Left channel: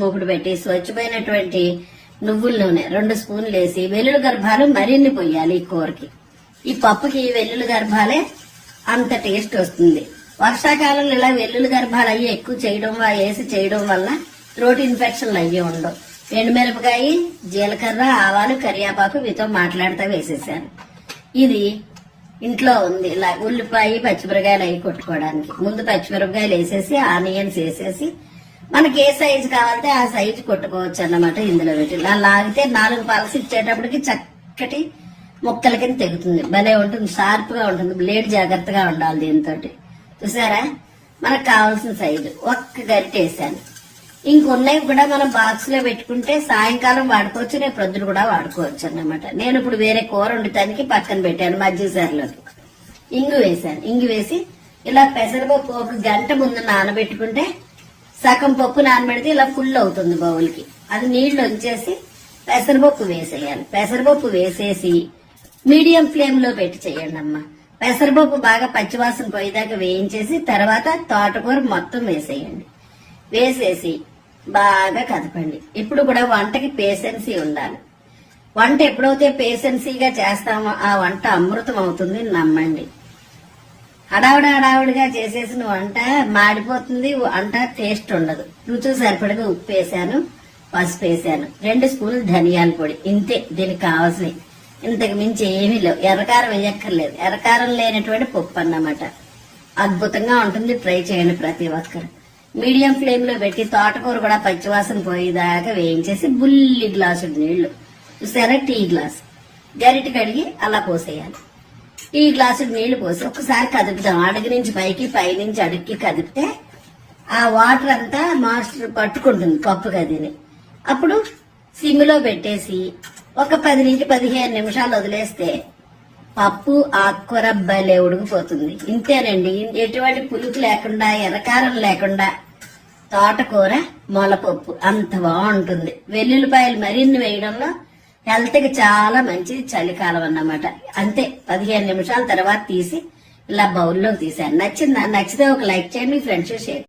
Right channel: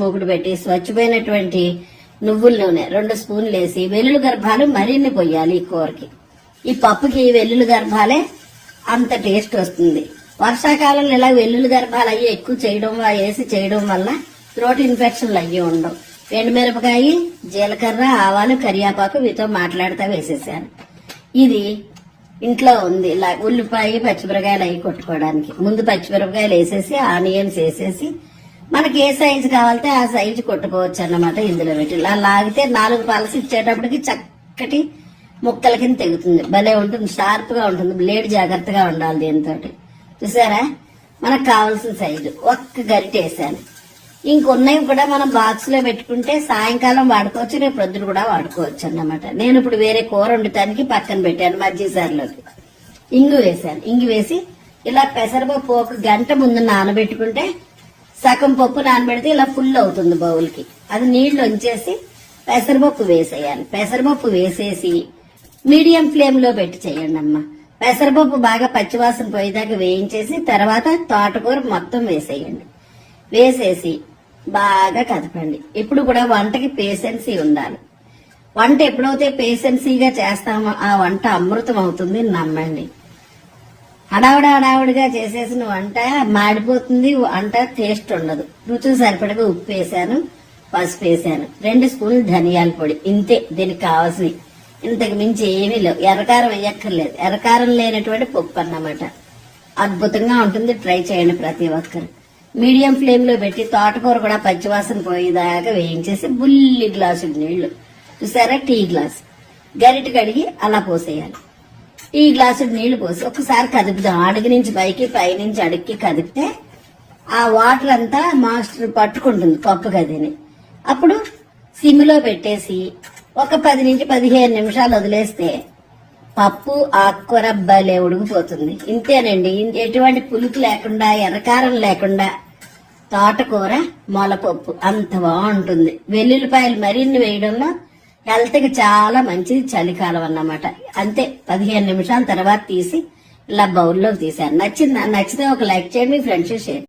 మూకుడు పెట్టి స్వచ్ఛమైనటువంటి నువ్వుల నూనె 2 స్పూన్లు వేసి వెల్లుల్లి గర్భాలు మరిన్ని పొయ్యాలి. ఈ కూరకి, ఈ పప్పుకి వెల్లుల్లి గర్భాలే అంత టేస్ట్ వస్తుంది. వర్షాకాలంలో ఇలా వెల్లుల్లి గర్భాలు అయ్యి ఎక్కువ చేయడం వల్ల థ్రోట్ ఇన్ఫెక్షన్లు అయ్యి ఉండవు. ఎండుమిరపకాయ, జీలకర్ర, ఆవాలు, కరివేపాకు వీటితో మాట్లాడుతూ వేసేసాను. ఇది ఇంట్లో ఉంది. ఇలా ఉల్లిపాయ, పచ్చిమిరపకాయలు అవి కొట్టుకోవడానికి ముందు పచ్చిమిరపకాయలు వేసేసి ఆనియన్స్ వేసేసి మనకి ఏ సైజు కావాలంటే ఆ సైజు కొట్టుకోవచ్చు అన్నమాట. ఇందులో పెట్టి ఇలా లాగితే 4 పలసి ఇచ్చేటప్పటికి చక్కటి ముక్కల కింద తెగుతుంది. భలే ఉంటుంది, షార్ప్ గా ఉంటుంది. బ్లేడ్ జాగ్రత్తగా ఉండాలి దీంతో. చూసారా, మనకు కావాల్సిన సైజు ఒక్క గరిటె వేసాను. ఇంకొన్నవి కూడా మనం బాక్స్ లో పెట్టుకుంటే సాయంకాలం వాడుకోవచ్చు, రేపు ప్రొద్దున కూడా వాడుకోవచ్చు అన్నమాట. నేను ఇప్పుడు వేరే కూర వండటానికి పక్కన పెట్టాను. మజ్జిగసారిలోకి ఇంగు వేసాను. ఇంగు వేసి ఇలా పెసరపప్పు 1 గంట ముందు నానబెట్టుకుంటే సగం పప్పు నానబెడితే ఇలా ఫుల్ అవుతుంది బౌల్కి. అది నీళ్లు వంచేసి పెసరపప్పు వేసేయాలి. పెసరపప్పు వేసేసి మీడియం ఫ్లేమ్ లో పెట్టి చేయండి అమ్మ. పెసరపప్పు బాగా పచ్చివాసన పోయేదాకా వేయించేసి తర్వాత తోటకూర మొత్తం వేసేయండి. వేసేసి బాగా కదపండి. ఇప్పుడు కూడా వంటకి పేషెన్సీ ఉండాలి. వంట ఎప్పుడైతే పేషెన్సీగా చేస్తామో ఆ వంట అమృతం అవుతుంది, నమ్మండి. హడావుడిగా చేసేసిన వంట మాడిపోతుంది, వంట టేస్ట్ ఉండదు. రుచి సరిపడగా ఉప్పు వేసాను, పసుపు వేసాను, 2 స్పూన్లు ధనియాల పొడి. ఇంతే దీనికి కావాల్సి. ఇంతకు మించి ఏమీ లేవు. ఎర్రకారం వేయక్కర్లేదు. ఎర్రకారం లేనటువంటి పప్పు అన్నమాట. అద్భుతంగా ఉంటుంది. ట్రై చేయండి ప్రతి ఒక్కరు. మీడియం ఫ్లేమ్ లో పెట్టి తోటకూర కూడా పచ్చివాసన పోయేదాకా వేయించేసి బుల్లి గ్లాసు నీళ్లు, చూసారా, టీ గ్లాస్ గరిటె కడిగి అలా పోసేయాలి. టీ గ్లాసు నీళ్లు పోసి ఒక్కసారి కదుపుదాం. అడుగు నుంచి పైకి, పై నుంచి అడుగుకి కదిపితే ఆ వాటర్ అంతా మాస్టర్ పట్టుకుంటుంది పప్పు గదిని. అప్పుడు సిమ్ లో పెట్టేసి ఒక 10 నుంచి 15 నిమిషాలు వదిలేస్తే పప్పు ఆకుకూర భలే ఉడికిపోతుంది. ఇంతేనండి. ఎటువంటి పులుపు లేకుండా, ఎర్రకారం లేకుండా తోటకూర మొలపప్పు అంత బాగుంటుంది. వెల్లుల్లిపాయలు మరిన్ని వేయడంలో హెల్త్ కి చాలా మంచిది. చలికాలం అన్నమాట. అంతే, 15 నిమిషాల తర్వాత తీసి ఇలా బౌల్లోకి తీసాను. నచ్చితే ఒక లైక్ చేయండి, మీ ఫ్రెండ్స్ షేర్